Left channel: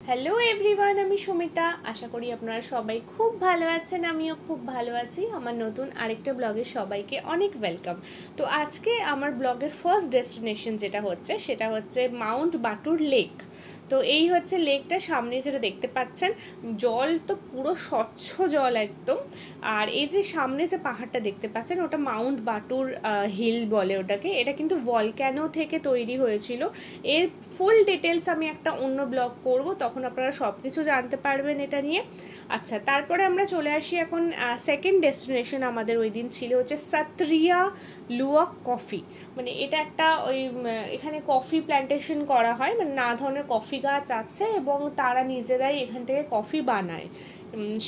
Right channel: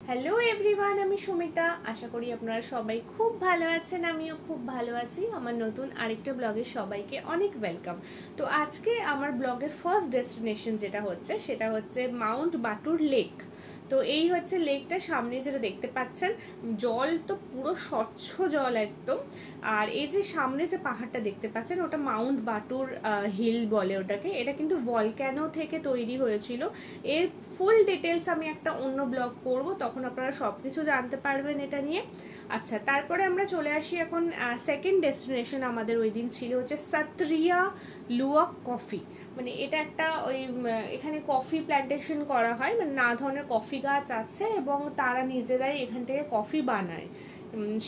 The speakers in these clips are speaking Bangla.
হ্যালো এভরিওয়ান, আমি সুমিতা। আশা করি আপনারা সবাই খুব ভালো আছেন, আমিও খুব ভালো আছি। আমার নতুন আরেকটা ব্লগে সবাইকে অনেক ওয়েলকাম। তো আজকে আমার ব্লগের ফার্স্ট ডেস্টিনেশন সেটা হচ্ছে মাউন্ট বাটুর লেক। তো এই হচ্ছে লেকটা, সামনে যেটা দেখতে পাচ্ছেন, জল তো পুরো স্বচ্ছ জল একদম। আর এই যে সামনে যে পাহাড়টা দেখতে পাচ্ছেন, ওটা মাউন্ট বাটুর হিল বলে ওটাকে। এটা কিন্তু ভলক্যানো থেকে তৈরি হয়েছিল। এর ফুল ডিটেলস আমি একটা অন্য ব্লগ করব, তখন আপনারা সব কিছু জানতে পারবেন এটা নিয়ে। আচ্ছা, তারপরে আমরা চলে আসি এখন সেকেন্ড ডেস্টিনেশন আমাদের ওই দিন ছিল হচ্ছে সাত্রিয়া লুওয়াক কফি। মানে এটা একটা এখানে কফি প্ল্যান্টেশন করা হয়, মানে নানা ধরনের কফি গাছ আছে এবং তারা নিজেরাই এখান থেকে কফি বানায়।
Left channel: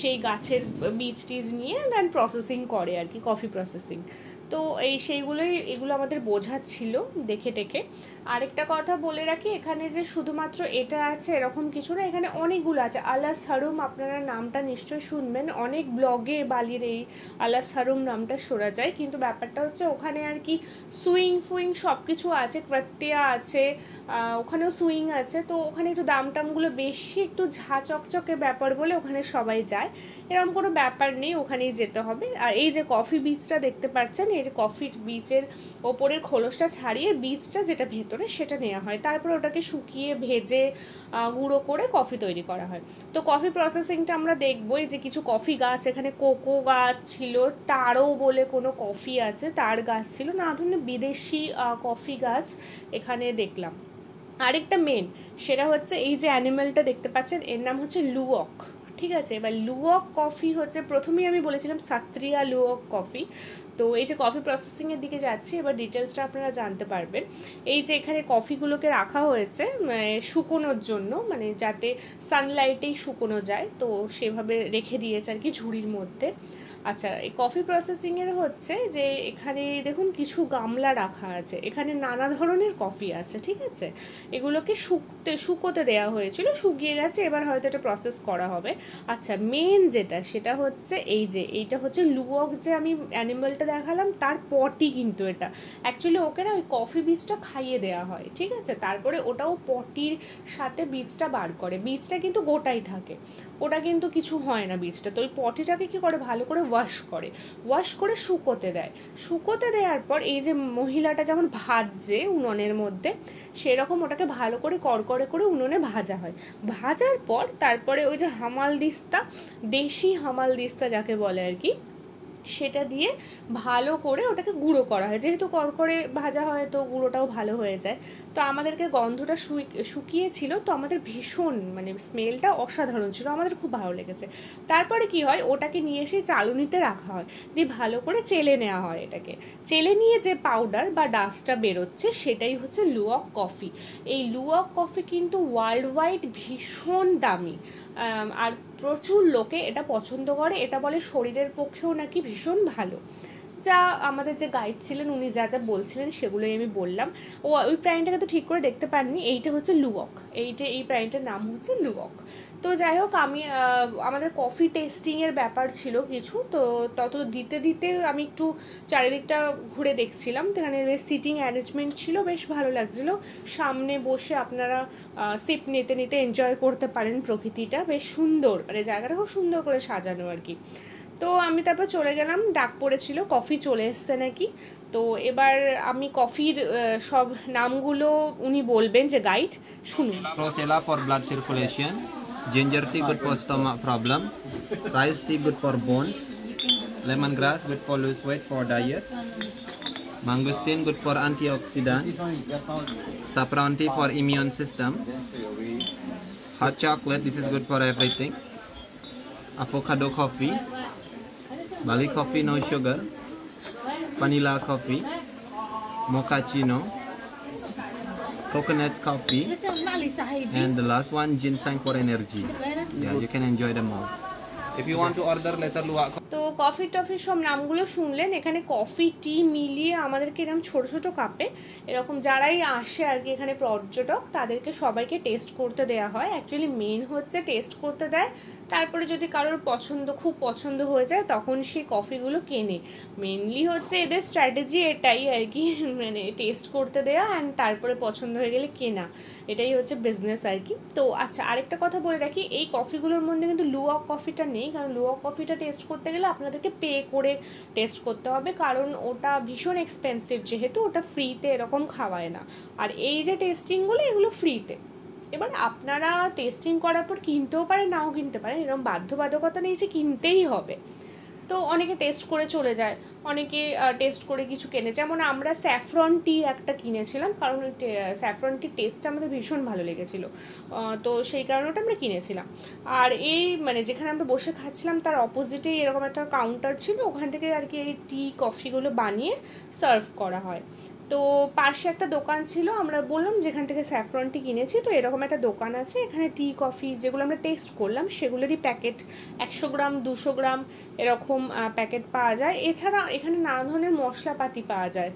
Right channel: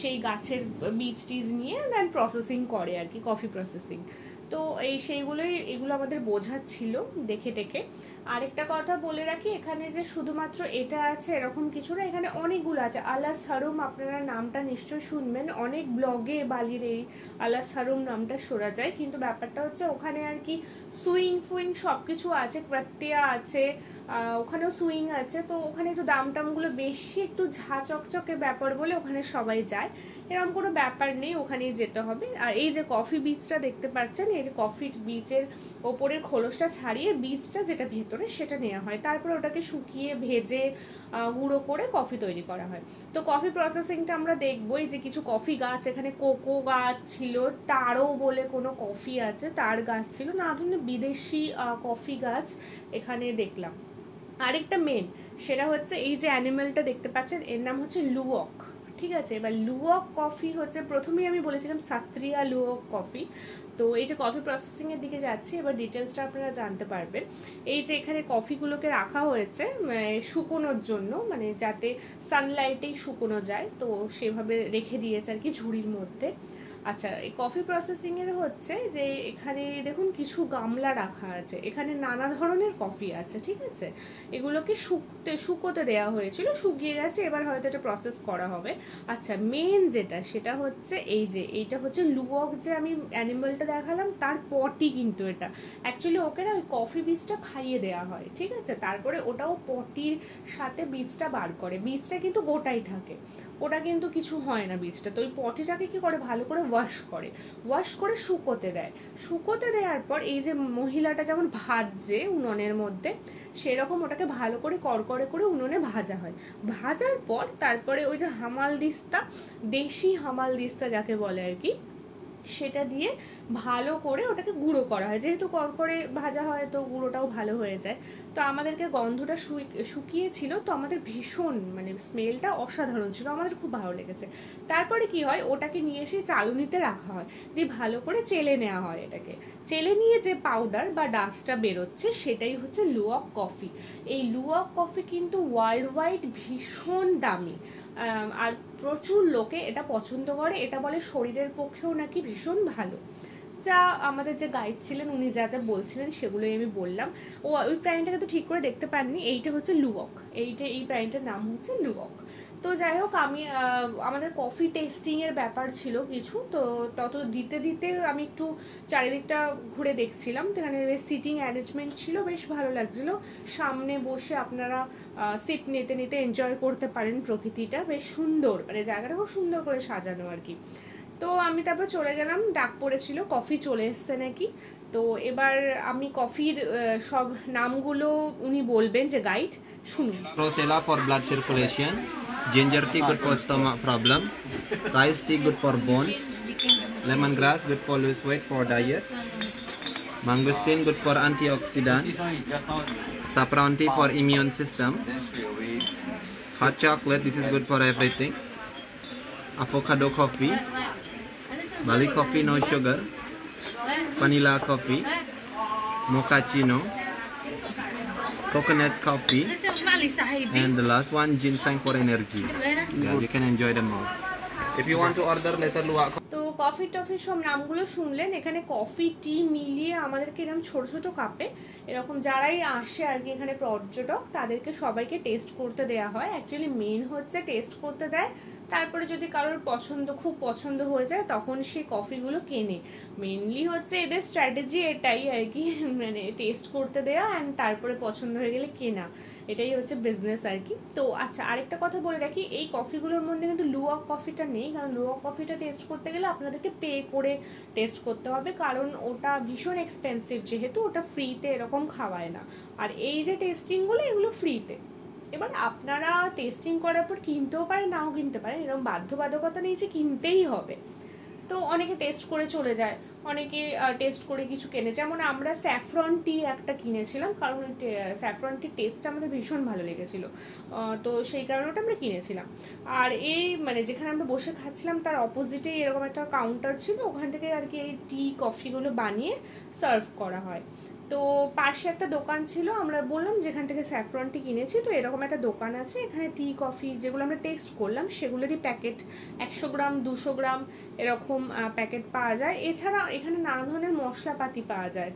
সেই গাছের বীজ টিজ নিয়ে দেন প্রসেসিং করে আর কি, কফি প্রসেসিং। তো এগুলো আমাদের বোঝাচ্ছিল দেখে টেকে। আরেকটা কথা বলে রাখি, এখানে যে শুধুমাত্র এটা আছে এরকম কিছু না, এখানে অনেকগুলো আছে। আলাস হারুম, আপনারা নামটা নিশ্চয়ই শুনবেন, অনেক ব্লগে বালির এই আলাস হারুম নামটা শোনা যায়। কিন্তু ব্যাপারটা হচ্ছে ওখানে আর কি সুইং ফুইং সব কিছু আছে, প্রত্যয়া আছে, ওখানেও সুইং আছে। তো ওখানে একটু দাম টামগুলো বেশি, একটু ঝা চকচকে ব্যাপার বলে ওখানে সবাই যায়। এরকম কোনো ব্যাপার নেই, ওখানেই যেতে হবে। আর এই যে কফি বীজটা দেখতে পাচ্ছেন, এর কফি বীজের ওপরের খোলসটা ছাড়িয়ে বীজটা যেটা ভেতরে সেটা নেওয়া হয়, তারপর ওটাকে শুকিয়ে ভেজে গুঁড়ো করে কফি তৈরি করা হয়। তো কফি প্রসেসিংটা আমরা দেখবোই। যে কিছু কফি গাছ, এখানে কোকো গাছ ছিল, টারো বলে কোনো কফি আছে, তার গাছ ছিল, না ধরনের বিদেশি কফি গাছ এখানে দেখলাম। আরেকটা মেন সেটা হচ্ছে এই যে অ্যানিমেলটা দেখতে পাচ্ছেন, এর নাম হচ্ছে লুওক। ঠিক আছে, এবার লুওক কফি হচ্ছে, প্রথমেই আমি বলেছিলাম সাত্রিয়া লুওক কফি। তো এই যে কফি প্রসেসিং এর দিকে যাচ্ছি, এবার ডিটেলসটা আপনারা জানতে পারবেন। এই যে এখানে কফিগুলোকে রাখা হয়েছে শুকোনোর জন্য, মানে যাতে সানলাইটেই শুকোনো যায়, তো সেভাবে রেখে দিয়েছে আর কি ঝুড়ির মধ্যে। আচ্ছা, এই কফি প্রসেসিং এর হচ্ছে যে এখানে দেখুন কিছু গামলা রাখা আছে, এখানে নানা ধরনের কফি আছে। ঠিক আছে, এগুলোকে শুকোতে দেওয়া হয়েছিল, শুকিয়ে গেছে, এবার হয়তো এটা প্রসেস করা হবে। আচ্ছা, মেন যেটা সেটা হচ্ছে এইটা হচ্ছে লুওক, যে আমি অ্যানিমালটা দেখালাম তার পটি কিন্তু এটা অ্যাকচুয়ালি ওকে না ওই কফি বীজটা খাইয়ে দেওয়া হয়। ঠিক আছে, তারপরে ওটাও পটির সাথে বীজটা বার করে, বীজটা কিন্তু গোটাই থাকে, ওটা কিন্তু কিছু হয় না বীজটা। তো ওই পটিটাকে কি করে, ভালো করে ওয়াশ করে শুকোতে দেয়। শুকোতে দেওয়ার পর এই যে মহিলাটা যেমন ভাজছে উনুনের মধ্যে, সেরকম ওটাকে ভালো করে কড়কড়ে করে উনুনে ভাজা হয়। ভাজার পর তারপরে ওই যে হামালদিস্তা, দেশি হামালদিস্তা যাকে বলে আর কি, সেটা দিয়ে ভালো করে ওটাকে গুঁড়ো করা হয়। যেহেতু কড়কড়ে ভাজা হয় তো গুঁড়োটাও ভালো হয়ে যায়। তো আমাদেরকে গন্ধটা শুকিয়েছিল, তো আমাদের ভীষণ মানে স্মেলটা অসাধারণ ছিল, আমাদের খুব ভালো লেগেছে। তারপরে কি হয়, ওটাকে নিয়ে এসে চালুনিতে রাখা হয়, দিয়ে ভালো করে চেলে নেওয়া হয়। এটাকে চেলে নিয়ে যে পাউডার বা ডাস্টটা বেরোচ্ছে সেটাই হচ্ছে লুওক কফি। এই লুওক কফি কিন্তু ওয়ার্ল্ড ওয়াইড ভীষণ দামি, আর প্রচুর লোকে এটা পছন্দ করে। এটা বলে শরীরের পক্ষেও নাকি ভীষণ ভালো। যা আমাদের যে গাইড ছিলেন উনি যা যা বলছিলেন সেগুলোই আমি বললাম। ওই প্রাণীটাকে তো ঠিক করে দেখতে পাননি, এইটা হচ্ছে লুওক, এই প্রাণীটার নাম হচ্ছে লুওক। তো যাই হোক, আমি আমাদের কফি টেস্টিংয়ের ব্যাপার ছিল কিছু, তো তত দিতে দিতে আমি একটু চারিদিকটা ঘুরে দেখছিলাম। তো এখানে সিটিং অ্যারেঞ্জমেন্ট ছিল, বেশ ভালো লাগছিলো। সামনে বসে আপনারা সিট নিতে নিতে এনজয় করতে পারেন প্রকৃতিটা, বেশ সুন্দর, মানে জায়গাটা খুব সুন্দর করে সাজানো আর কি। তো আমি তারপর চলে গেলাম, ডাক পড়েছিল কফি চলে এসছে নাকি। তো এবার আমি কফির সব নামগুলো উনি বলবেন, যে গাইড, শুনুন। Rosella for blood circulation, ginger tea good for stomach problem, rice tea good for bones, lemongrass good for lose weight for diet, mangosteen good for antioxidant, saffron tea for immune system, hot chocolate this is good for everything, avocado coffee, Bali coffee no sugar, vanilla coffee, mochaccino, coconut coffee, and the last one ginseng for energy. Yeah, you can enjoy them all. If you want to order later luwak. তো কফি টফির সব নামগুলো শুনলেন। এখানে কফি টি মিলিয়ে আমাদেরকে এরকম ছোট ছোট কাপে, এরকম যারাই আসে আর কি এখানে পর্যটক, তাদেরকে সবাইকে টেস্ট করতে দেওয়া হয়। অ্যাকচুয়ালি মেন হচ্ছে টেস্ট করতে দেয়, তারপরে যদি কারোর খুব পছন্দ হয়ে যায় তখন সে কফিগুলো কেনে। মেনলি হচ্ছে এদের স্ট্র্যাটেজি এটাই আর কি, মানে টেস্ট করতে দেওয়া অ্যান্ড তারপরে পছন্দ হয়ে গেলে কেনা। এটাই হচ্ছে বিজনেস আর কি। তো আচ্ছা, আরেকটা কথা বলে রাখি, এই কফিগুলোর মধ্যে কিন্তু লুওয়াক কফিটা নেই, কারণ লুওয়াক কফিটা টেস্ট করতে গেলে আপনাদেরকে পে করে টেস্ট করতে হবে, কারণ ওটা ভীষণ এক্সপেন্সিভ, যেহেতু ওটা ফ্রিতে এরকম খাওয়ায় না। আর এই যে টেস্টিংগুলো, এগুলো ফ্রিতে। এবার আপনারা টেস্টিং করার পর কিনতেও পারেন, নাও কিনতে পারেন, এরকম বাধ্যবাধকতা নেই যে কিনতেই হবে। তো অনেকে টেস্ট করে চলে যায়, অনেকে টেস্ট করে কিছু কেনে, যেমন আমরা স্যাফরন টি একটা কিনেছিলাম, কারণ স্যাফরন টির টেস্টটা আমাদের ভীষণ ভালো লেগেছিলো, তো সেই কারণে ওটা আমরা কিনেছিলাম। আর এই মানে যেখানে আমরা বসে খাচ্ছিলাম তার অপোজিটেই এরকম একটা কাউন্টার ছিল, ওখান থেকে আর কি এই টি কফিগুলো বানিয়ে সার্ভ করা হয়। তো পাশে একটা দোকান ছিল, আমরা বললাম যেখান থেকে স্যাফরন টি কিনেছি, তো এরকম একটা দোকান আছে, এখানে টি কফি যেগুলো আমরা টেস্ট করলাম সেগুলোরই প্যাকেট 100 গ্রাম 200 গ্রাম এরকম প্যাকেট পাওয়া যায়। এছাড়া এখানে নানা ধরনের মশলাপাতি পাওয়া যায়,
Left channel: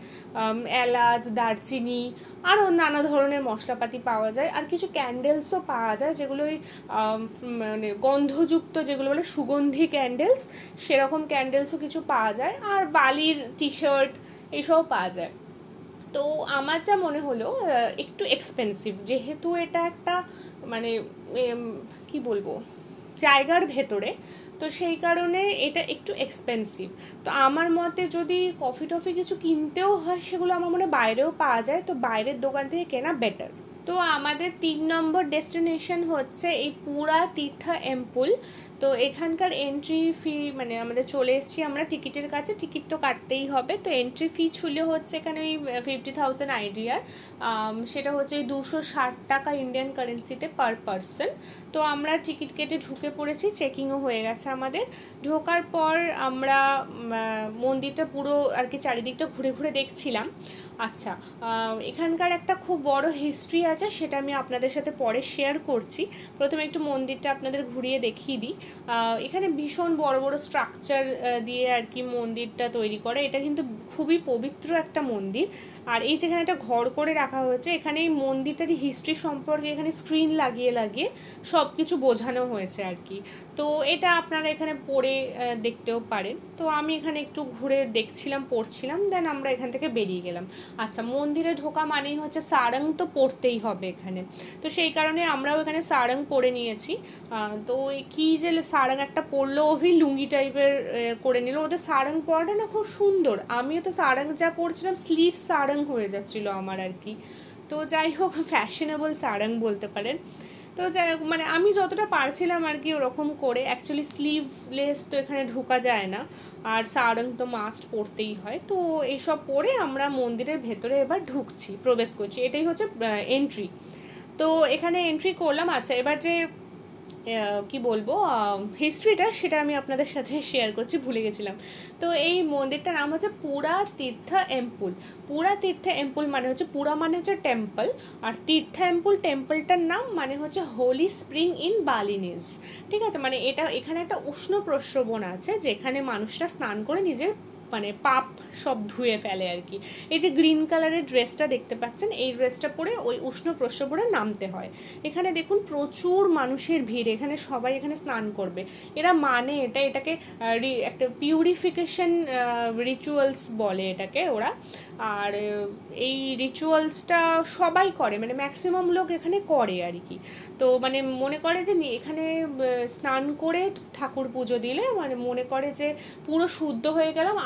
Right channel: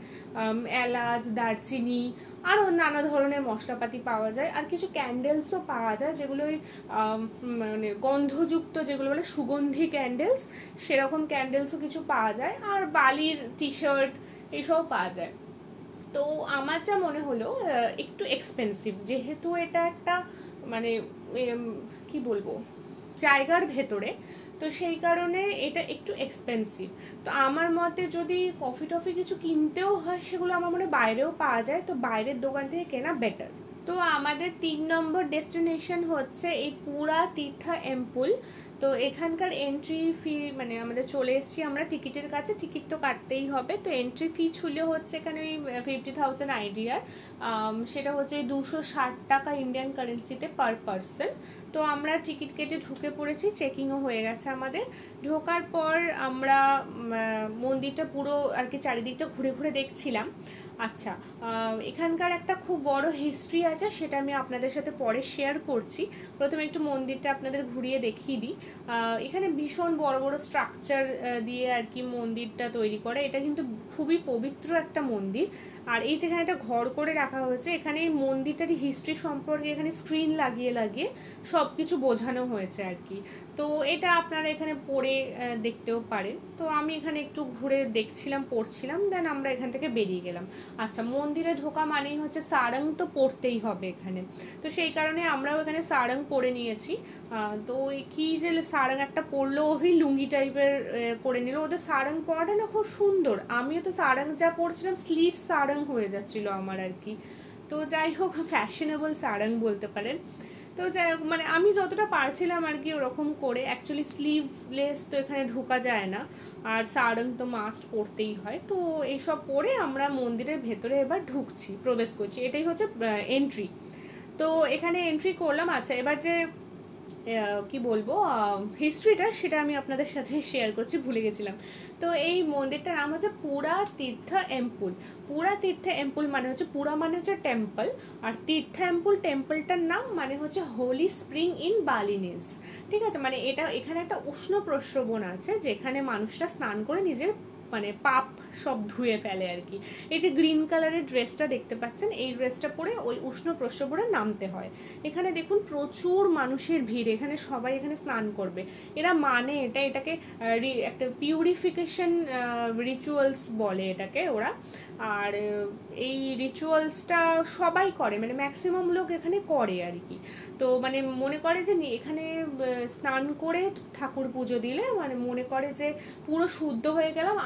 এলাচ, দারচিনি, আরও নানা ধরনের মশলাপাতি পাওয়া যায়। আর কিছু ক্যান্ডেলসও পাওয়া যায়, যেগুলো মানে গন্ধযুক্ত, যেগুলো বলে সুগন্ধি ক্যান্ডেলস, সেরকম ক্যান্ডেলসও কিছু পাওয়া যায়। আর বালির টি শার্ট এইসবও পাওয়া যায়। তো আমার যা মনে হলো একটু এক্সপেন্সিভ, যেহেতু এটা একটা মানে কি বলবো জায়গার ভেতরে, তো সেই কারণে এটা একটু এক্সপেন্সিভ। তো আমার মতে যদি কফি টফি কিছু কিনতেও হয়, সেগুলো আমার মনে বাইরেও পাওয়া যায়, তো বাইরের দোকান থেকে কেনা বেটার। তো আমাদের 3 নম্বর ডেস্টিনেশন হচ্ছে এই পুরা তীর্থ এম্পুল। তো এখানকার এন্ট্রি ফি মানে আমাদের চলে এসেছি আমরা টিকিটের কাছে, টিকিট তো কাটতেই হবে। তো এন্ট্রি ফি ছিল হচ্ছে এখানে ওই 50,000 আইডিয়ার, সেটা হচ্ছে 260 টাকা ইন্ডিয়ান কারেন্সিতে পার পারসন। তো আমরা টিকিট কেটে ঢুকে পড়েছি, চেকিংও হয়ে গেছে আমাদের। ঢোকার পর আমরা মন্দিরটা পুরো আর কি চারিদিকটা ঘুরে ঘুরে দেখছিলাম। আচ্ছা, এখানকার একটা খুব বড় হিস্ট্রি আছে, সেটা আমি আপনাদের সাথে পরে শেয়ার করছি। প্রথমে একটু মন্দিরটা আপনাদের ঘুরিয়ে দেখিয়ে দিই। এখানে ভীষণ বড় বড় স্ট্রাকচার দিয়ে আর কি মন্দিরটা তৈরি করে, এটা কিন্তু খুবই পবিত্র একটা মন্দির। আর এই যেখানে একটা ঘর করে রাখা হয়েছে, এখানে এই মন্দিরটারই হিস্ট্রি সম্পর্কে এখানে স্ক্রিন লাগিয়ে লাগিয়ে সব কিছু বোঝানো হয়েছে আর কি। তো এটা আপনারা এখানে পড়ে দেখতেও পারেন। তো আমি এখানে একটু ঘুরে দেখছিলাম, পড়ছিলাম, দেন আমরা এখান থেকে বেরিয়ে গেলাম। আচ্ছা, মন্দিরে ঢোকা মানেই হচ্ছে সারং তো পড়তেই হবে এখানে, তো সেই কারণে আমরাও এখানে সারং পরে নিয়েছি। তো কি যে সারং একটা পরলো, ওই লুঙ্গি টাইপের করে নিল। ওদের সারং পরাটা না খুব সুন্দর, আমিও তো সারং যা পরছিলাম স্লিট সারং হয়ে যাচ্ছিল আমার আর কি। তো যাই হোক, ফ্যাশনেবল সারং বলতে পারেন। তো যাই হোক, মানে আমি যতটা পারছিলাম আর কি ওরকম করে। অ্যাকচুয়ালি স্লিভলেস তো এখানে ঢোকা যায় না, আর সারং তো মাস্ট পরতেই হয়। তো এইসব পরে আমরা মন্দিরের ভেতরে এবার ঢুকছি, প্রবেশ করছি, এটাই হচ্ছে এন্ট্রি। তো এখানে এন্ট্রি করলাম। আচ্ছা, এবার যে কি বলবো হিস্ট্রিটা, সেটা আমি আপনাদের সাথে শেয়ার করছি, ভুলে গেছিলাম। তো এই মন্দিরটার নাম হচ্ছে পুরা তীর্থ এম্পুল। পুরা তীর্থ এম্পুল মানে হচ্ছে, পুরা মানে হচ্ছে টেম্পল, আর তীর্থ এম্পুল টেম্পলটার নাম মানে হচ্ছে হোলি স্প্রিং ইন বালিনিজ। ঠিক আছে, মানে এটা এখানে একটা উষ্ণ প্রস্রবণ আছে, যেখানে মানুষরা স্নান করে নিজের মানে পাপ সব ধুয়ে ফেলে আর কি। এই যে গ্রিন কালারের ড্রেসটা দেখতে পাচ্ছেন, এই ড্রেসটা পরে ওই উষ্ণ প্রস্রবণে নামতে হয়। এখানে দেখুন প্রচুর মানুষের ভিড়, এখানে সবাই এখানে স্নান করবে। এরা মানে এটাকে একটা পিউরিফিকেশন রিচুয়ালস বলে এটাকে ওরা। আর এই রিচুয়ালসটা সবাই করে, মানে ম্যাক্সিমাম লোক এখানে করে আর কি। তো মানে মনে করে যে এখানে স্নান করে ঠাকুর পুজো দিলে মানে মনে করে যে পুরো শুদ্ধ হয়ে গেলাম,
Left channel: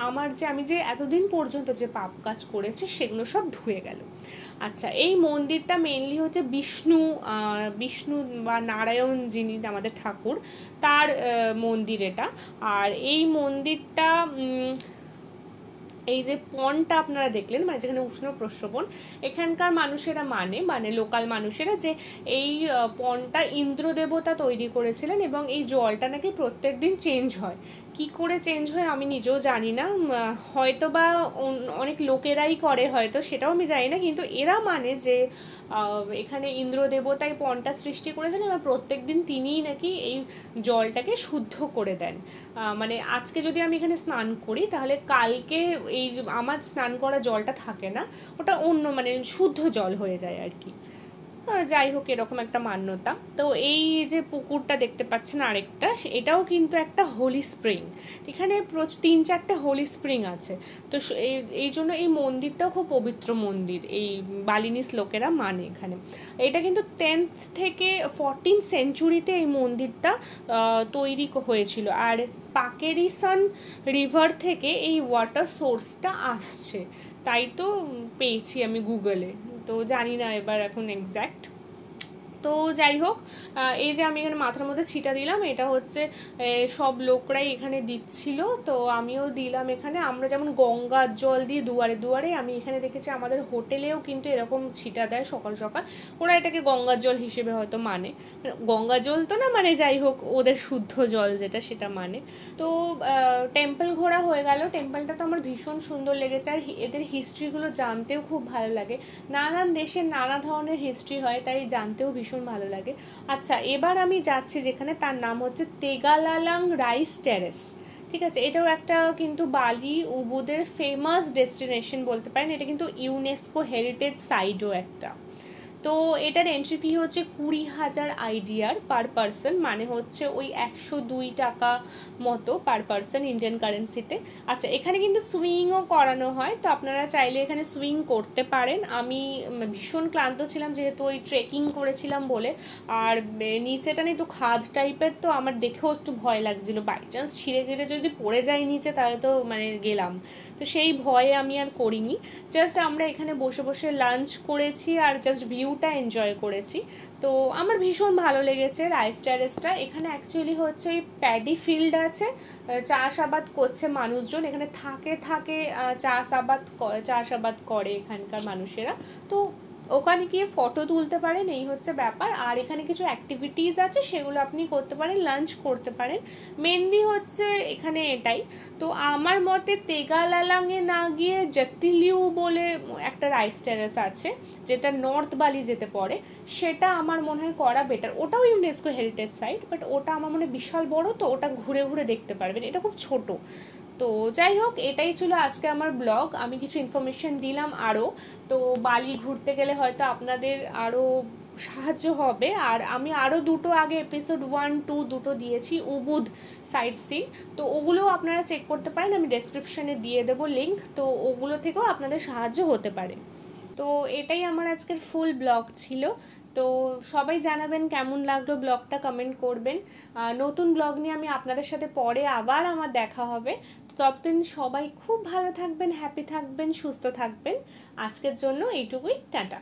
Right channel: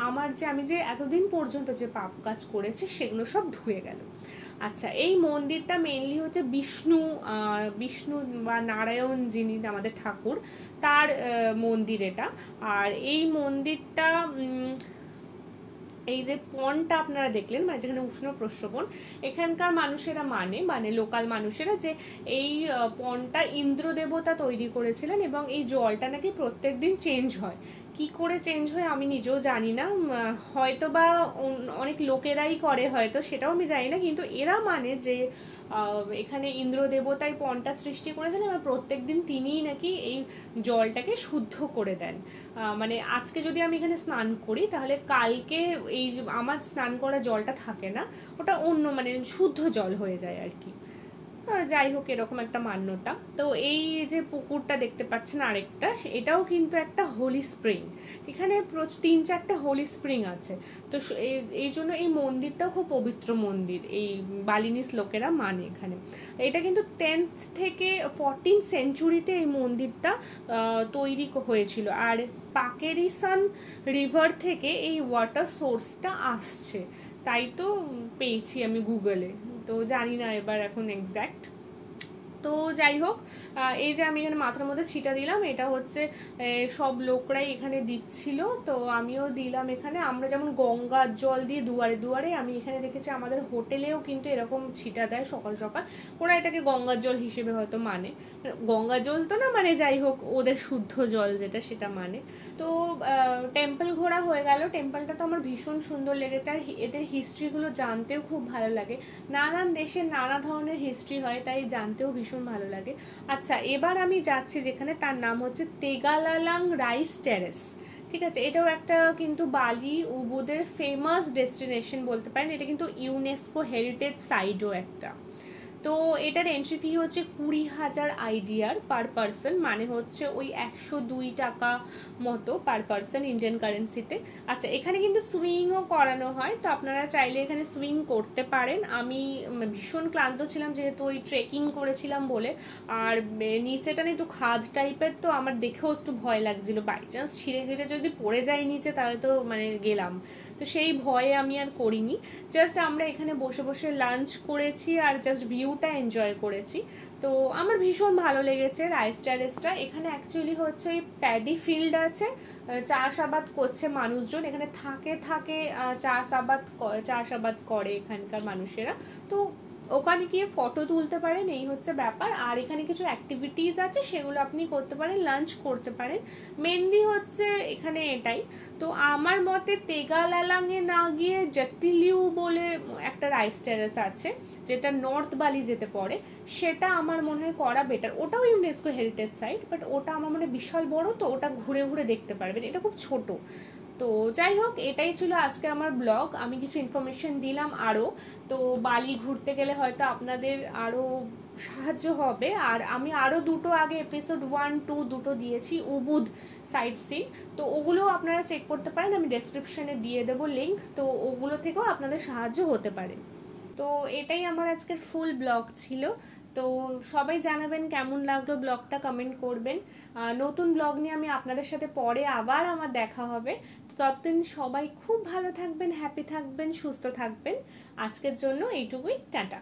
আমি যে এতদিন পর্যন্ত যে পাপ কাজ করেছে সেগুলো সব ধুয়ে গেল। আচ্ছা, এই মন্দিরটা মেইনলি হচ্ছে বিষ্ণু বা নারায়ণ যিনি আমাদের ঠাকুর, তার মন্দির এটা। আর এই মন্দিরটা এই যে পনটা আপনারা দেখলেন, মানে যেখানে উষ্ণ প্রস্রবণ, এখানকার মানুষেরা মানে লোকাল মানুষেরা যে এই পনটা ইন্দ্র দেবতা তৈরি করেছিলেন, এবং এই জলটা নাকি প্রত্যেক দিন চেঞ্জ হয়। কি করে চেঞ্জ হয় আমি নিজেও জানি না, হয়তো বা অনেক লোকেরাই করে, হয়তো সেটাও আমি জানি না, কিন্তু এরা মানে যে এখানে ইন্দ্র দেবতাই পনটা সৃষ্টি করেছেন, এবং প্রত্যেক দিন তিনিই নাকি এই জলটাকে শুদ্ধ করে দেন। মানে আজকে যদি আমি এখানে স্নান করি, তাহলে কালকে এই আমার স্নান করা জলটা থাকে না, ওটা অন্য মানে শুদ্ধ জল হয়ে যায় আর কি। যাই হোক এরকম একটা মান্যতা। তো এই যে পুকুরটা দেখতে পাচ্ছেন আরেকটা, এটাও কিন্তু একটা হোলি স্প্রিং, এখানে 3-4টে হোলি স্প্রিং আছে। তো এই জন্য এই মন্দিরটাও খুব পবিত্র মন্দির, এই বালিনিস লোকেরা মানে এখানে। এটা কিন্তু 10th থেকে 14th সেঞ্চুরিতে এই মন্দিরটা তৈরি হয়েছিল। আর পাকেরিসান রিভার থেকে এই ওয়াটার সোর্সটা আসছে, তাই তো পেয়েছি আমি গুগলে, তো জানি না এবার এখন এক্স্যাক্ট। তো যাই হোক, এই যে আমি এখানে মাথার মধ্যে ছিটা দিলাম, এটা হচ্ছে সব লোকরাই এখানে দিচ্ছিল, তো আমিও দিলাম এখানে। আমরা যেমন গঙ্গার জল দিয়ে দুয়ারে দুয়ারে, আমি এখানে দেখেছি আমাদের হোটেলেও কিন্তু এরকম ছিটা দেয় সকাল সকাল। ওরা এটাকে গঙ্গার জল হিসেবে হয়তো মানে, গঙ্গা জল তো না মানে, যাই হোক ওদের শুদ্ধ জল যেটা সেটা মানে। তো টেম্পল ঘোরা হয়ে গেল। টেম্পলটা তো আমার ভীষণ সুন্দর লেগেছে, আর এদের হিস্ট্রিগুলো জানতেও খুব ভালো লাগে। নানান দেশের নানা ধরনের হিস্ট্রি হয়, তাই জানতেও ভীষণ ভালো লাগে। আচ্ছা, এবার আমি যাচ্ছি যেখানে, তার নাম হচ্ছে তেগালালাং রাইস টেরেস। ঠিক আছে, এটাও একটা কিন্তু বালি উবুদের ফেমাস ডেস্টিনেশন বলতে পারেন। এটা কিন্তু ইউনেস্কো হেরিটেজ সাইটও একটা। তো এটার এন্ট্রি ফি হচ্ছে 20,000 আইডিয়ার পার পারসন, মানে হচ্ছে ওই 102 টাকা মতো পার পারসন ইন্ডিয়ান কারেন্সিতে। আচ্ছা, এখানে কিন্তু সুইংও করানো হয়, তো আপনারা চাইলে এখানে সুইং করতে পারেন। আমি ভীষণ ক্লান্ত ছিলাম যেহেতু ওই ট্রেকিং করেছিলাম বলে, আর নিচেটা একটু খাদ টাইপের, তো আমার দেখেও একটু ভয় লাগছিল, বাই চান্স ছিঁড়ে গেলে যদি পড়ে যায় নিচে তাহলে তো মানে গেলাম। তো সেই ভয়ে আমি আর করিনি, জাস্ট আমরা এখানে বসে বসে লাঞ্চ করেছি আর জাস্ট ভিউটা এনজয় করেছি। তো আমার ভীষণ ভালো লেগেছে রাইস টেরেসটা। এখানে অ্যাকচুয়ালি হচ্ছে প্যাডি ফিল্ড আছে, চাষাবাদ করছে মানুষজন, এখানে থাকে চাষাবাদ করে এখানকার মানুষেরা। তো ওখানে গিয়ে ফটো তুলতে পারেন, এই হচ্ছে ব্যাপার। আর এখানে কিছু অ্যাক্টিভিটিস আছে, সেগুলো আপনি করতে পারেন, লাঞ্চ করতে পারেন, মেনলি হচ্ছে এখানে এটাই। তো আমার মতে তেগালালাংয়ে না গিয়ে জাতিলিউ বলে একটা রাইস টেরেস আছে, যেটা নর্থ বালি যেতে পড়ে, সেটা আমার মনে হয় করা বেটার। ওটাও ইউনেস্কো হেরিটেজ সাইট, বাট ওটা আমার মনে হয় বিশাল বড়, তো ওটা ঘুরে ঘুরে দেখতে পারবেন, এটা খুব ছোট। তো যাই হোক, এটাই ছিল আজকে আমার ব্লগ। আমি কিছু ইনফরমেশন দিলাম আরও, তো বালি ঘুরতে গেলে হয়তো আপনাদের আরও সাহায্য হবে। আর আমি আরও দুটো আগে এপিসোড 1-2 দুটো দিয়েছি উবুদ সাইট সিন, তো ওগুলোও আপনারা চেক করতে পারেন, আমি ডেসক্রিপশানে দিয়ে দেবো লিঙ্ক, তো ওগুলো থেকেও আপনাদের সাহায্য হতে পারে। তো এটাই আমার আজকের ফুল ব্লগ ছিল। তো সবাই জানাবেন কেমন লাগলো ব্লগটা, কমেন্ট করবেন। নতুন ব্লগ নিয়ে আমি আপনাদের সাথে পরে আবার আমার দেখা হবে। তো ততদিন সবাই খুব ভালো থাকবেন, হ্যাপি থাকবেন, সুস্থ থাকবেন। আজকের জন্য এইটুকুই, টাটা।